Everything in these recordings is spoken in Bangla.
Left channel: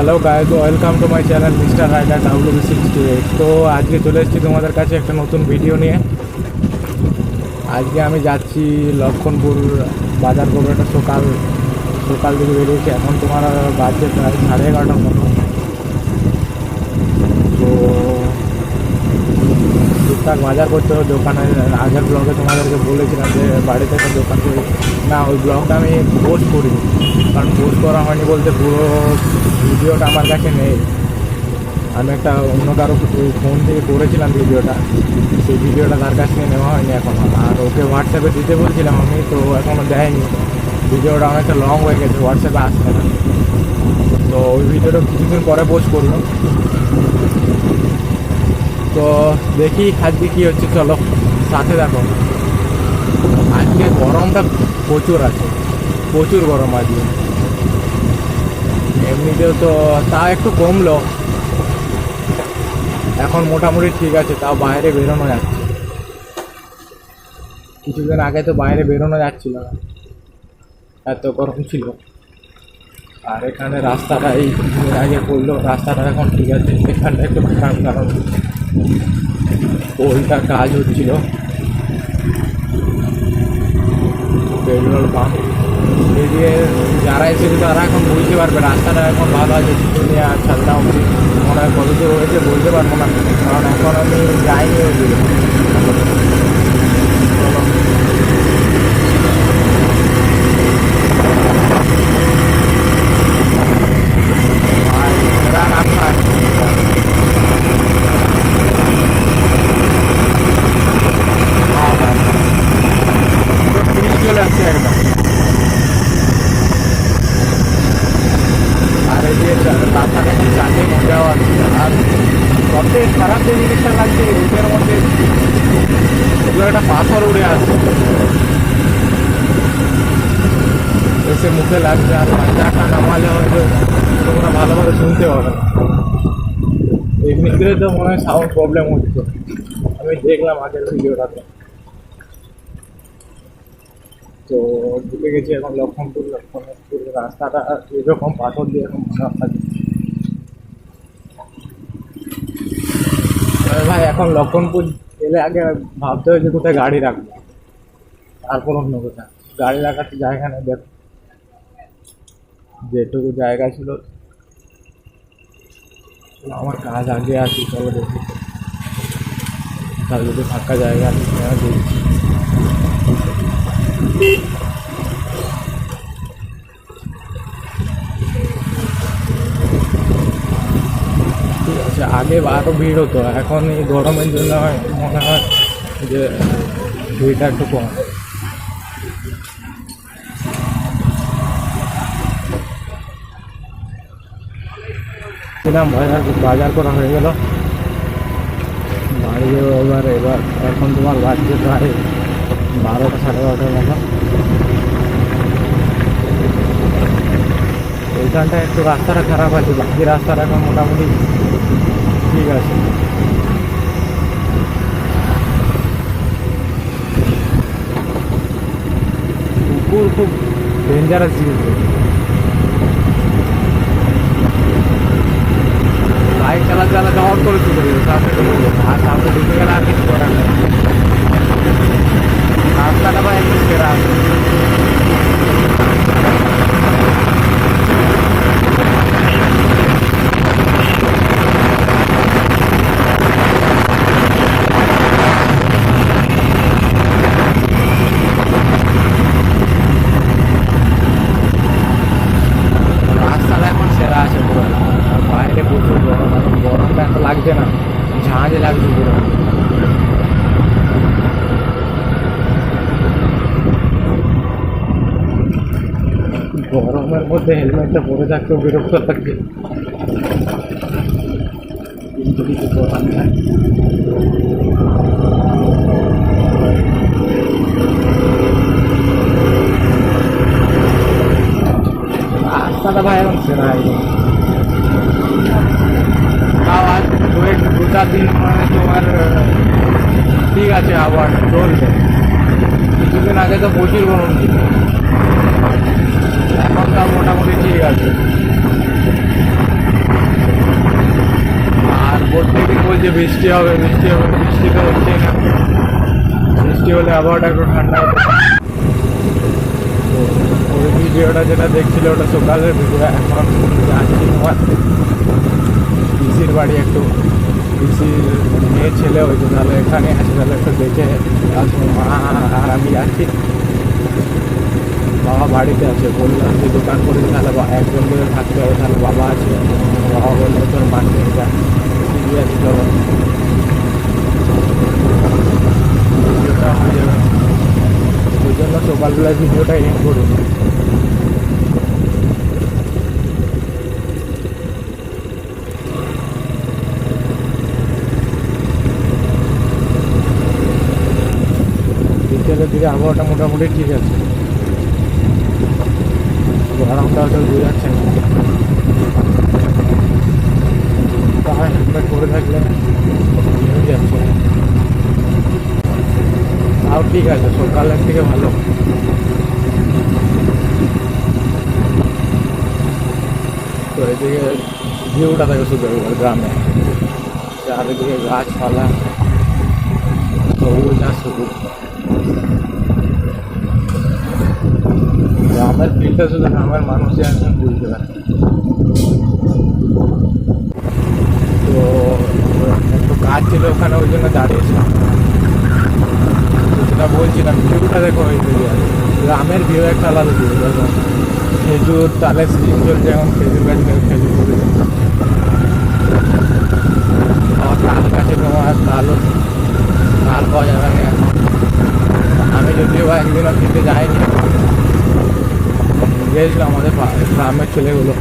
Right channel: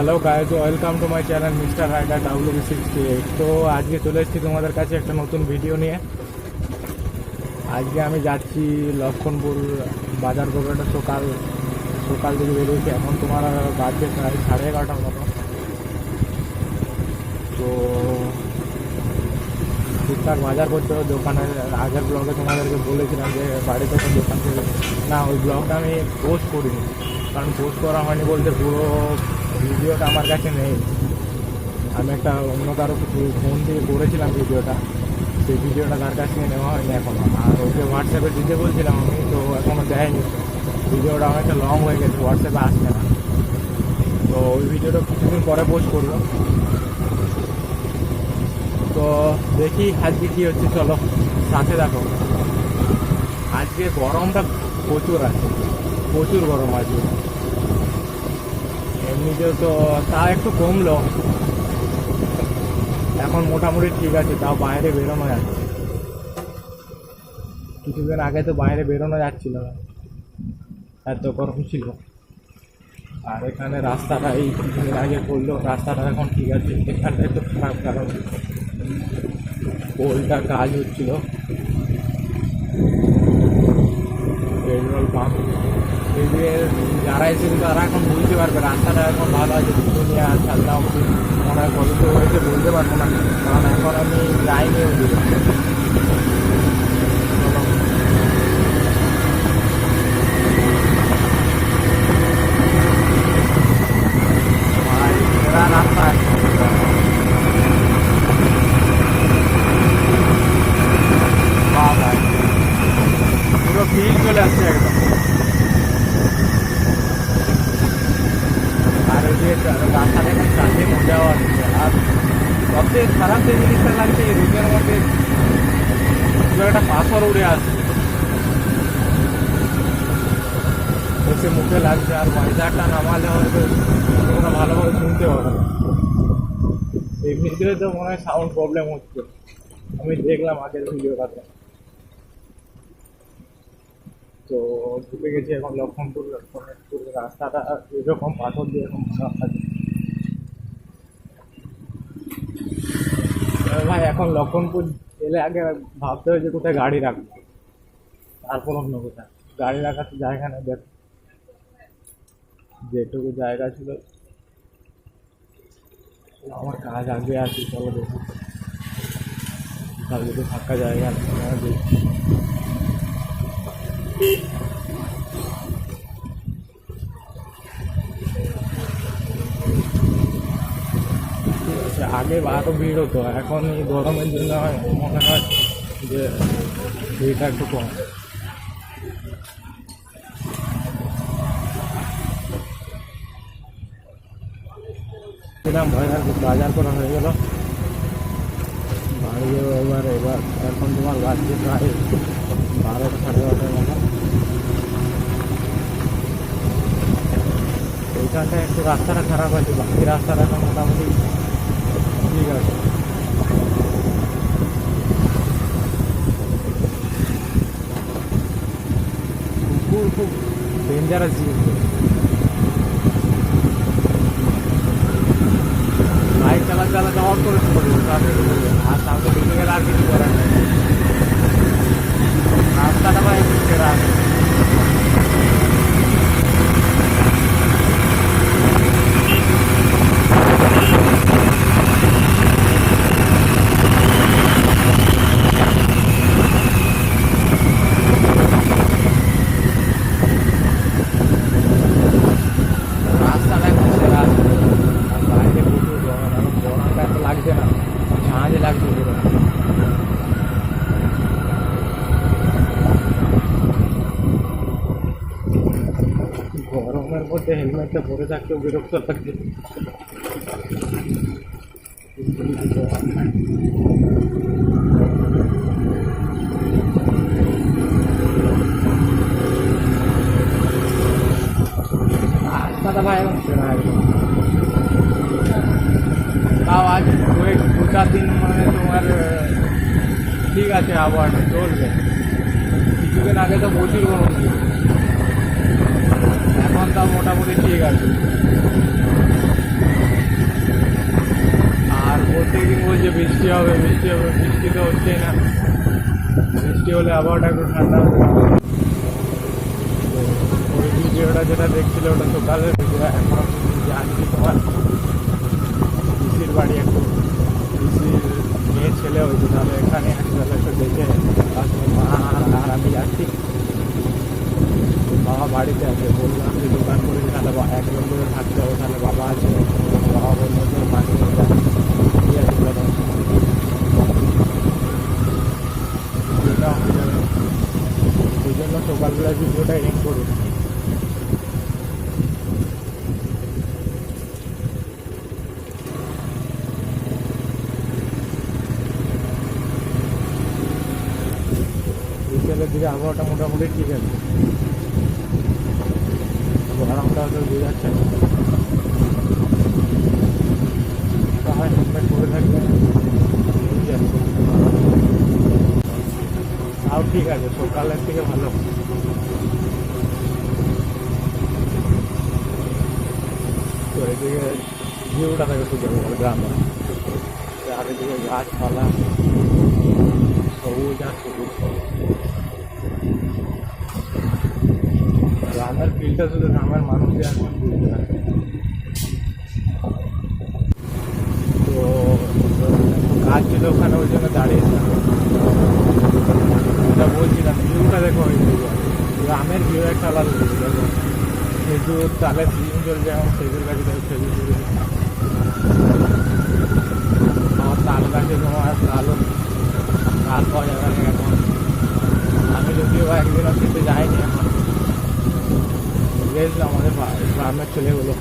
Hello guys, welcome to my channel mister rider WB68। তো আজকে চলে এসেছি তোমাদের কাছে একটা নতুন ভিডিও নিয়ে। আজকে আমি যাচ্ছি লক্ষণপুর বাজার করবো। একটা সকাল সকাল দিকে বেরিয়েছি, এখন তোমার বাজছে প্রায় 11:30টার মতো। তো টুকটাক বাজার করতে হবে দোকানে। আগের ব্লগে তোমাদেরকে বলেছিলাম যে বাড়িতে একটা দোকান করি না, ওই ব্লগটা আমি পোস্ট করিনি, কারণ পোস্ট করা হয়নি বলতে পুরো ভিডিওটা আমার কাছে নেই। আমি একটা অন্য কারো ফোন থেকে করেছিলাম ভিডিওটা, সেই ভিডিওটা তার কাছ থেকে নেওয়া হয়নি এখনও। আর ওকে হোয়াটসঅ্যাপে দিতে বলছিলাম আমি, তো এখনও দেয়নি। ভিডিওটা অনেকটা লং হয়ে গেছে, হোয়াটসঅ্যাপে আসছে না। তো ওই ভিডিওটা কিছুদিন পরে পোস্ট করবো। তো দেখি আজকে কী হচ্ছে, চলো সাথে দেখো। আজকে গরমটা প্রচুর আছে, প্রচুর গরম আজকে। এমনিতেও তো তা একটু কমলো, এখন মোটামুটি ঠিক আছে, তাও বাইরে বেরোনো যাচ্ছে। কিছুদিন আগে তো বাইরে বেরোনো যাচ্ছিল না, এত গরম ছিল। আর এখানে রাস্তাটা এই কিছুদিন আগে করলো, রাস্তাটা এখন ঠিক আছে। এখানটা একটু খারাপ, কারণ পোলটা কাজ হচ্ছিল, পেট্রোল পাম্প। এদিকে যারা এসেছে তারা এখন বুঝতে পারবে রাস্তাটা এখন ভালো আছে। দুনিয়া ছাদনা অবধি মনে হয় কত দূর হয়েছে বলতে পারবো না, কারণ এখন আমি যাইনি ওই দিকে। ভাই এরা রাস্তা ভাই পুরো ফিল চলে আসছে একদম। আর এই যে রাস্তাটা এখন চালিয়ে মজাও আসছে। আর সবথেকে খারাপ যে জিনিসটা লাগছে, এই রুটের মধ্যে দু একটা পাথর উড়ে আসছে, এসে মুখে লাগছে। আর বাজারটা নামালে হয়তো তোমরা ভালোভাবে শুনতে পাবে না। এমনিতে তো মনে হয় সাউন্ড প্রবলেম হচ্ছে, আমি দেখলাম আগের ভিডিওটাতে। তো ঢুকে গেছি এখন লক্ষণপুর। রাস্তাটা এরকম পাথর দিয়ে এখন আছে ভাই। এখন লক্ষণপুর এলে আগে ভাবতে হয় যে কোথায় গাড়ি রাখবো, তারপর অন্য কোথায়। গাড়ি রাখার তো জায়গা নেই। দেখো যেটুকু জায়গা ছিল, আমার কাজ আগে আসি, চলো দেখি তাহলে যদি ফাঁকা জায়গা নেই দেখছি। ঠিক আছে, আগে আরও ভিড় হতো, এখন এই গরমের জন্য মনে হয় যে ভিড়টা একটু কম। বাজার করা হয়ে গেল, বাড়ি যাবো এবার। এখন তোমার বাজছে প্রায় 12টা 12:30টার মতো। এইখানটায় একটু রাস্তাটা খারাপ আছে, বাকি রাস্তাটা এখন মোটামুটি ঠিক আছে। কুকুর খুব ডেঞ্জারাস জিনিস। বাইক চালাতে অন করে শুরু করে সামনে ঢুকে গেলে, আর সামনে ঢুকে গেলে আর কিছু করার নেই। রাস্তাটা ভাই একটু সেরা আছে। রাস্তাটা এখন সেরা আছে পুরো। আর বাইরে প্রচুর গরম, এখন গরমটা এত লাগছে না, ঝাঁঝ লাগছে পুরো। গরমের মধ্যে হেলমেটটা পরে থাকতেও বিরক্ত লাগছে, কিন্তু কিছু করার নাই। রাস্তাটা ভাই এখন সেরা একদম। তাও আজ 2-4 দিন মানে তোমার ঠিক আছে, আবহাওয়াটা চলবে। কিছুদিন আগে তো প্রচুর গরম ছিল, এখন তাও মোটামুটি ঠিক আছে। প্রত্যেকদিন বলছে বৃষ্টি হবে বৃষ্টি হবে, বৃষ্টি তো হচ্ছেই না। বৃষ্টি হলে আবহাওয়াটা একটু ঠান্ডা হবে। তো ওই ভিডিওটা যেটা দেখছিল ওটা সকালের ভিডিও। এখন যাচ্ছি তোমার পিসির বাড়ি, একটু পিসির মেয়ে ছেলে হয়েছে, তাহলে এখানে আছে, তাহলে একটু দেখে আসবো। মা আর আমি যাচ্ছি, বাবা বাড়িতে আছে। বললাম যে দোকান করেছি, তাহলে একজন করে থাকতে হবে, তাহলে বাবা আছে। বাবা বললো তোর মাকে নিয়ে যা, ঠিক আছে চলো, ভিডিওটা হয়ে যাবে। ওই জন্য সকালবেলায় ভিডিওটা এন্ড করিনি। বিকেলের দিকে আবহাওয়াটা মোটামুটি ঠিক আছে, গরমটা হয়তো বোঝাচ্ছে না। তাই হেলমেট পরে থাকলে নিয়ে যাচ্ছে, তাও ঠিক আছে, সকালের থেকে ভালো। তো এদিকে ভিউটা থাকে শুধু গ্রামে, চারিদিকে গাছপালা, সবুজ আর সবুজ। গ্রামের ফিলটা শুধু গ্রামের মানুষই একজন বুঝতে পারে। তো একটু কাজ ছিল ওখানে, ওই জন্য দাঁড়িয়েছিলাম। যেটা বলছিলাম ভিউটা দেখো, ওই গ্রামের ভিউ একটা আলাদা ভিউ। দেখো খেজুর, তালের সিজন চলছে এখন, খেজুর গাছ দেখো, খেজুর করে আমার তাল গাছে তোমার তাল পাওয়া যাবে না এখন। আমি যদিও বা একদিনও খেতে যাইনি, এখন গিয়েছিল আমাদের গ্রামের ছেলেগুলো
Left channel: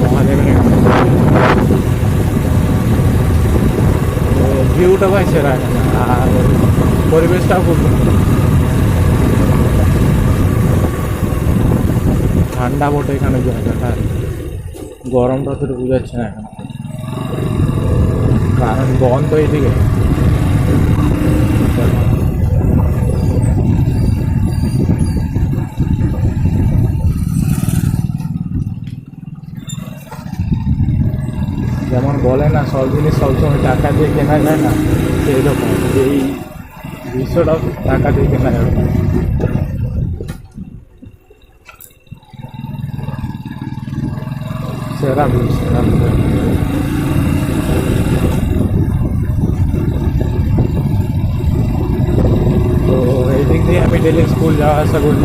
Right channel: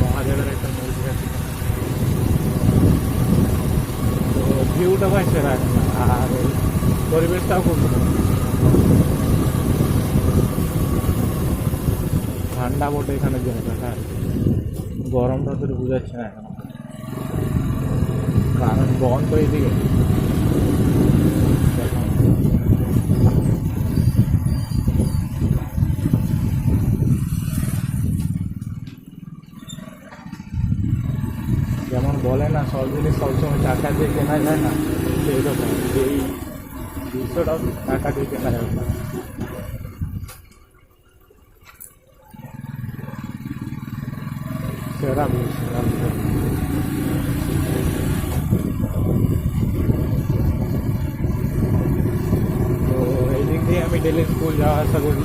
মহাদেবের। তো ভিউটা ভাই সেরা এখানে, আর পরিবেশটাও খুব ঠান্ডা বটে এখানে জায়গাটা, গরমটা তো বুঝাচ্ছে না এখন, কারণ বন্ধ এইদিকে। যেমন বলে না সব জিনিস সবসময় টাকা দিয়ে কেনা যায় না, সেই রকম এই দৃশ্যটাও টাকা দিয়ে কেনা যাবে না। সেরা ভিউ, সেরা ভিউ। তো এই দিক দিয়ে আমি ডেলি স্কুল যাওয়া আসা করি।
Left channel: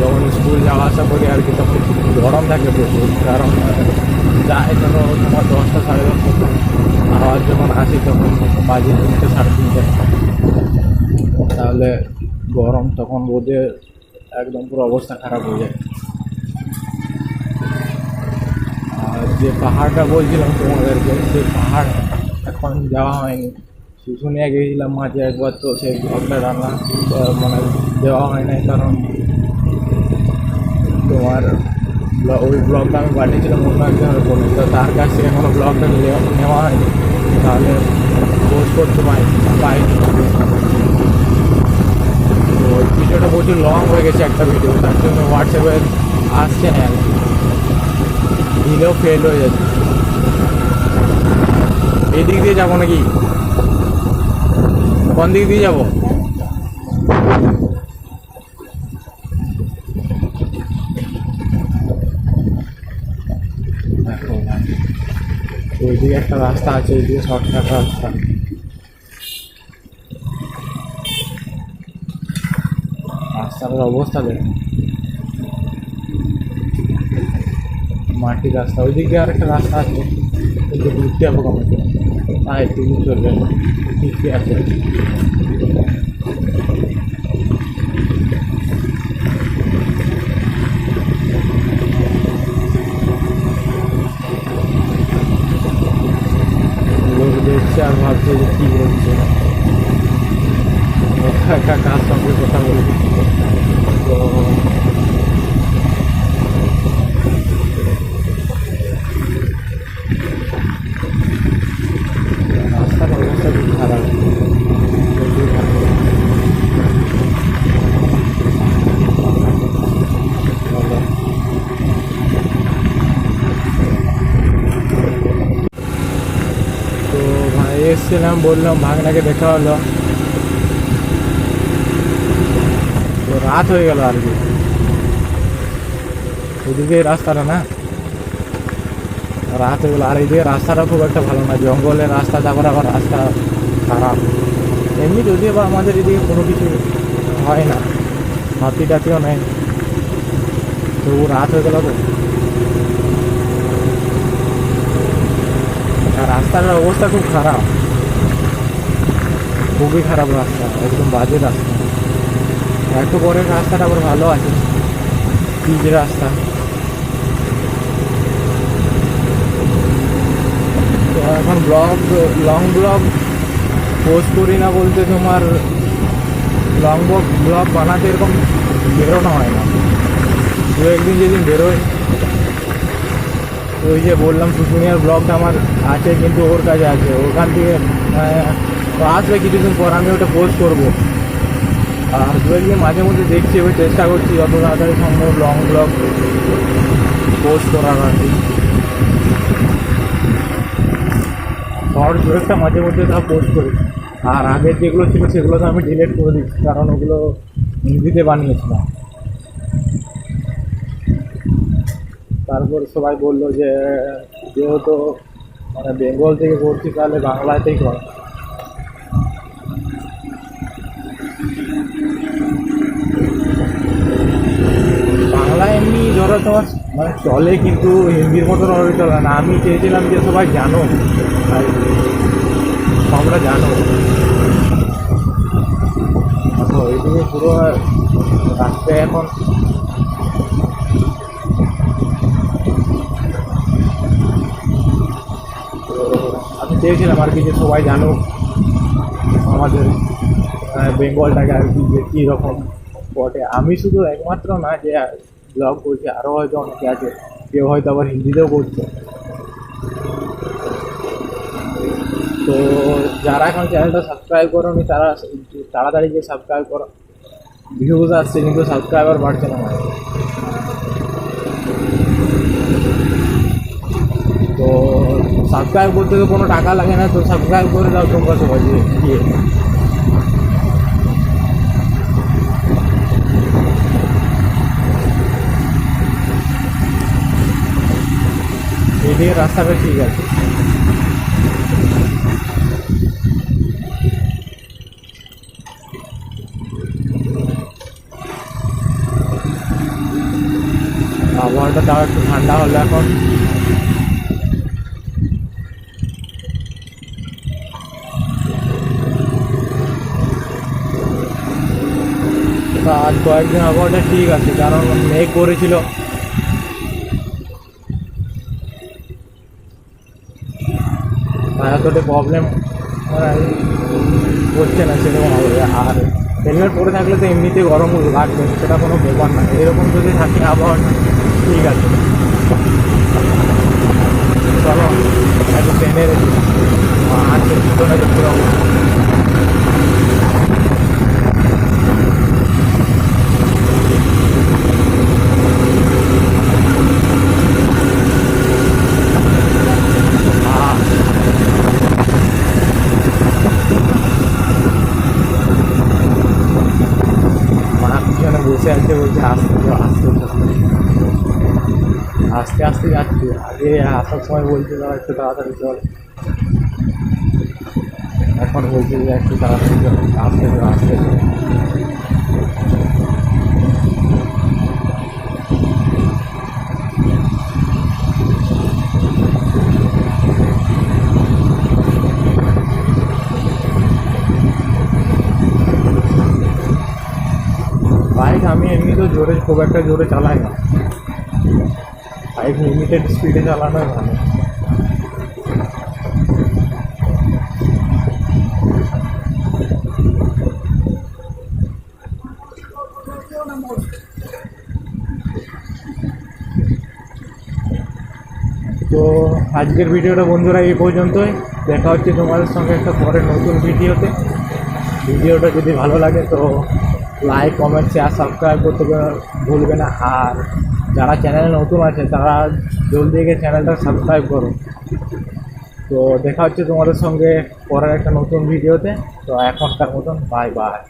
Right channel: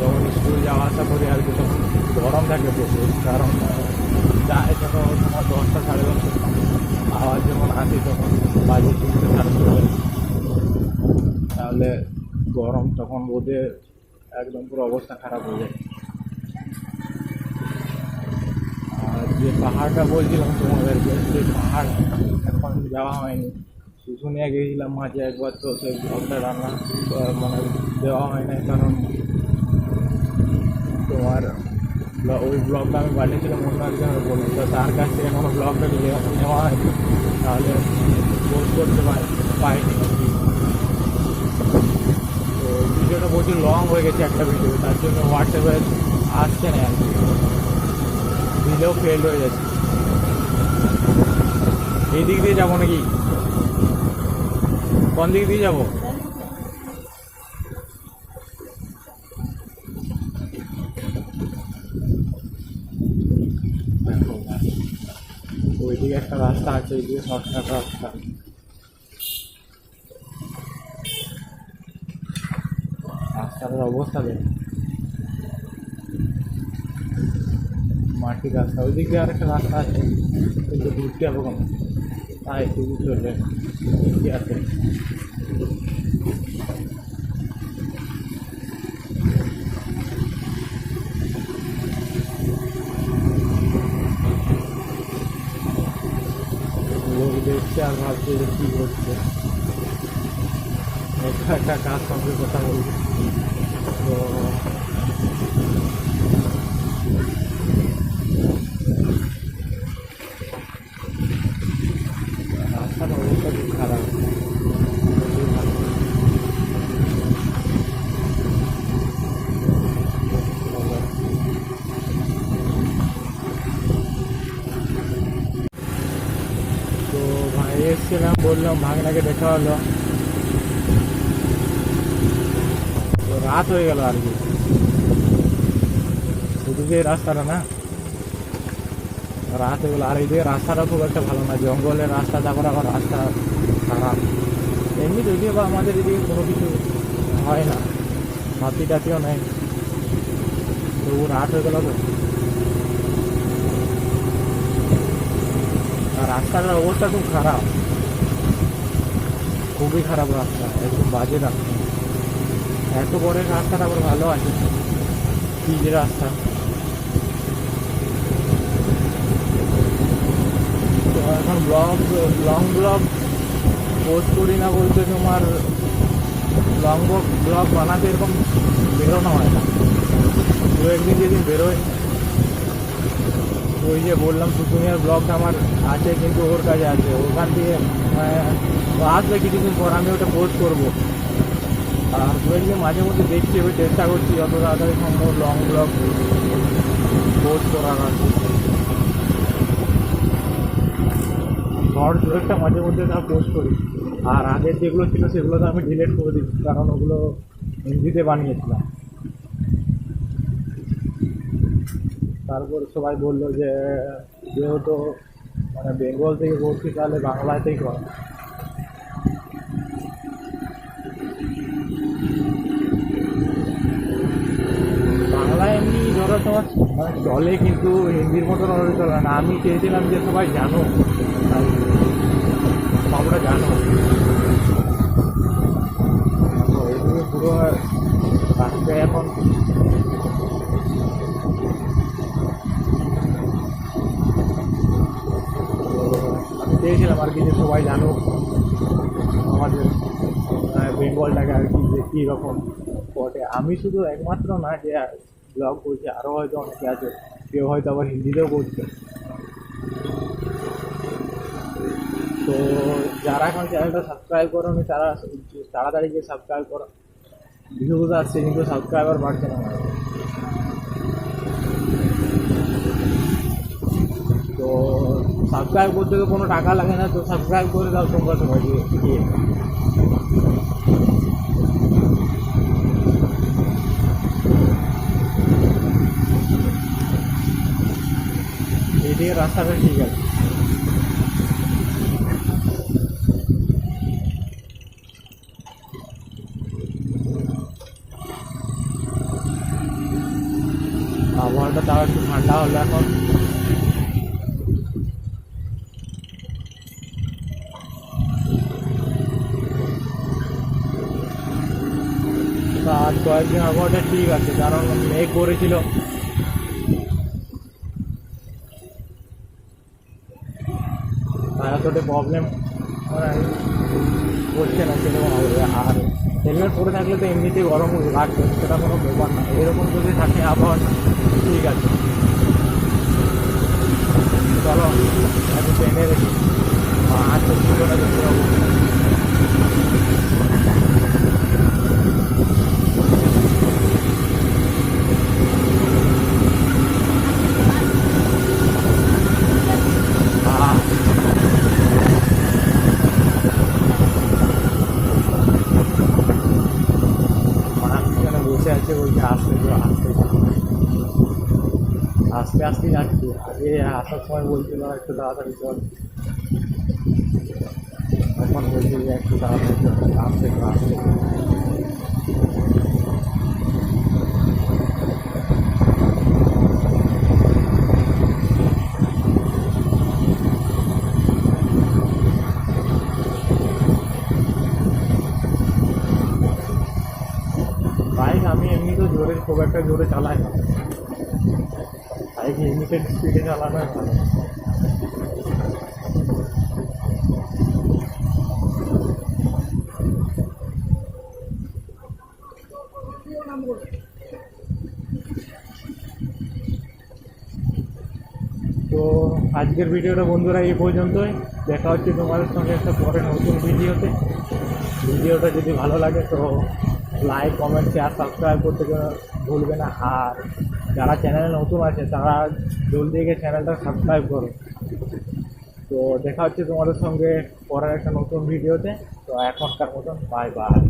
যখন স্কুল যাওয়া আসা করি আর কি, তখন গরম থাকে প্রচুর, কারণ যায় ধরো তোমার 10টা 10:30, আবার যখন আসি তখন বাজে 3টে 3:30। তাহলে গরম, তখন রোদে একদম পুরো অবস্থা খারাপ হয়ে যায়। আর যে পাহাড়টা বলছিলাম তোমাদেরকে, সেই পাহাড় এখন যাওয়া হয়নি। শুশুনিয়া গিয়েছিলাম মাঝে একবার, তো সেই ব্লগটা রান্না মানে দেওয়া হয় নাই, কারণ তোমার ওই ব্লগটা আমি পাঠিয়েছিলাম অন্য একজনের বলে, তো তার কাছ থেকে এখনও ব্লগটা নেওয়া হয়নি, তাহলে পোস্ট করতে পাইনি। তো ওই ভিডিওটা প্রচুর লং হয়ে গেছে একটা ভিডিও, তার জন্য হোয়াটসঅ্যাপে আসছে না আর কি, দিলেও ফেল হয়ে যাচ্ছে। এই দিক দিয়ে যাবো নাকি, কোন দিক দিয়ে যাবো? দেখো ভাই, ওইদিকে একটা রাস্তা আছে, ওইদিকে শর্টকাট রাস্তা। রাস্তার অবস্থা দেখো, মাটির রাস্তা। ওই দিক দিয়ে আরেকটা রাস্তা আছে, কিন্তু ঘুরতে যাবো কমে, তাই ঠিক চলবে না, ঠিকই আছে। লোক দেখছে আর ভাবছে যে কী করছে, একা একা কার সঙ্গে কথা বলছে। তো রাস্তার অবস্থা খুব খারাপ, প্রচুর খারাপ। যাচ্ছিলাম, বললাম ভাগনাকে দেখা হলো, তো রাত হয়ে গেল আর কি। ওদিকে রাস্তাটা না রাত হয়ে গেলো, আর এইদিকে রাস্তাটা খুব একটা ভালো না, জঙ্গলের রাস্তা, তারপর আবার রাস্তা খারাপ। এমনি যদিও বা আমাদের এদিকে কোনো কিছু হয় না, হাতি টাতিও নেই, তবু রাত হয়ে গেল তো। আর রাস্তাটার অবস্থা খুব খারাপ, খুবই খারাপ রাস্তা, একদম বাজে রাস্তা। একটু পরে রাস্তাটা আবার ভালো আছে, পিচ রাস্তা। তো এখন লং ব্লগ পোস্ট করি না বলতে, তোমার লং ব্লগ বানাতে এরকম বেরোনো হয় না। দু একদিন যেদিন বেরোয়, ওই যে বললাম শুশুনিয়ার ব্লগটা আমার আছে, কিন্তু ওর কাছে আছে, ওখান থেকে আসবে কিছুদিন পর, আমি ওটা পোস্ট করবো। আর দু একদিন মাঝে মধ্যে দেখছি, এবার চেষ্টা করছি যত তাড়াতাড়ি সম্ভব লং ব্লগ পোস্ট করার আর কি। শর্ট দু একটা মাঝে মধ্যে তা পোস্ট করি। আর আগের যেগুলো ছিল সেগুলো তো আমি ডিলিট করে দিচ্ছি, কারণ ওগুলো হিন্দিতে বানিয়েছিলাম। তারপর সবাই বললো যে যেহেতু মানে বেঙ্গল থেকে করছি, তাহলে বাংলাতেই কর। বাংলা এমনি ধরো তোমার মানে চলে, কিন্তু হিন্দির মতন ওভাবে চলে না। আমি চেয়েছিলাম যে সবাই জানো, তাই সবটা জানো। দেখো এইদিকে পুরো রাস্তায় এখন তো আমি চেয়েছিলাম আর কি যে সবাই জানুক আমাদের বেঙ্গলটাকে আর কি, যে কীরকম বটে। আমি শুধু একমাত্র না যে ব্লগ করছি, আরও হয়তো অনেকে আছে, কেউ হয়তো আবার হিন্দিতেও করছে। তো যারা এখন চ্যানেলটা সাবস্ক্রাইব করোনি তারা তাড়াতাড়ি গিয়ে সাবস্ক্রাইব করো। ভিউজ আসছে কিন্তু সাবস্ক্রাইবার বাড়ছে না আমার। তো সাবস্ক্রাইব করতে তো কোনো টাকা লাগে না, তো সাবস্ক্রাইব করে দাও তোমরা সবাই গিয়ে। এদিকে রাস্তাটা ঠিক আছে। আবহাওয়াটা তাও একটু ঠান্ডা হলো এখন। আজ কয়েকদিন আবহাওয়াটা ঠিক আছে, কারণ মেঘ করেছিল। এতটা প্রবলেম হচ্ছে না সেরকমভাবে। আর হেলমেট পরে থাকলে তো এমনিতেই গরম লাগবে, সেটা কোনো ব্যাপার না। এরকম যদি থাকে আবহাওয়াটা ঠিক আছে। চলো একটু ট্রেনে রেখি, আছে পিছনে দেখতে পাবো। বসে আছে, বলছে আস্তে যাও আস্তে যাও, আস্তে আস্তে যাচ্ছি। আগে আসার সময় বলছিল একটু তাড়াতাড়ি চল, এখন বলছে যে একটু তাড়াতাড়ি চল, আস্তে যাও আস্তে যাও। বাইক আমি এমনি তো খুব একটা জোরে চালাই না, বাইক লিমিটেড স্পিডে চালানোই ভালো। তো আজকের ভিডিওটা বন্ধুরা এই পর্যন্তই। দেখা হচ্ছে তোমাদের সঙ্গে একটা পরে নতুন ভিডিওতে। ভিডিওটা যদি ভালো লাগে তো লাইক, কমেন্ট, শেয়ার, সাবস্ক্রাইব করতে ভুলবে না। আর যারা চ্যানেলে নতুন আছে তারা জলদি গিয়ে চ্যানেলটা সাবস্ক্রাইব করো। তো দেখা হচ্ছে তোমাদের সঙ্গে পরের একটা নতুন ভিডিওতে। তো এখনকার মতন বাই বাই।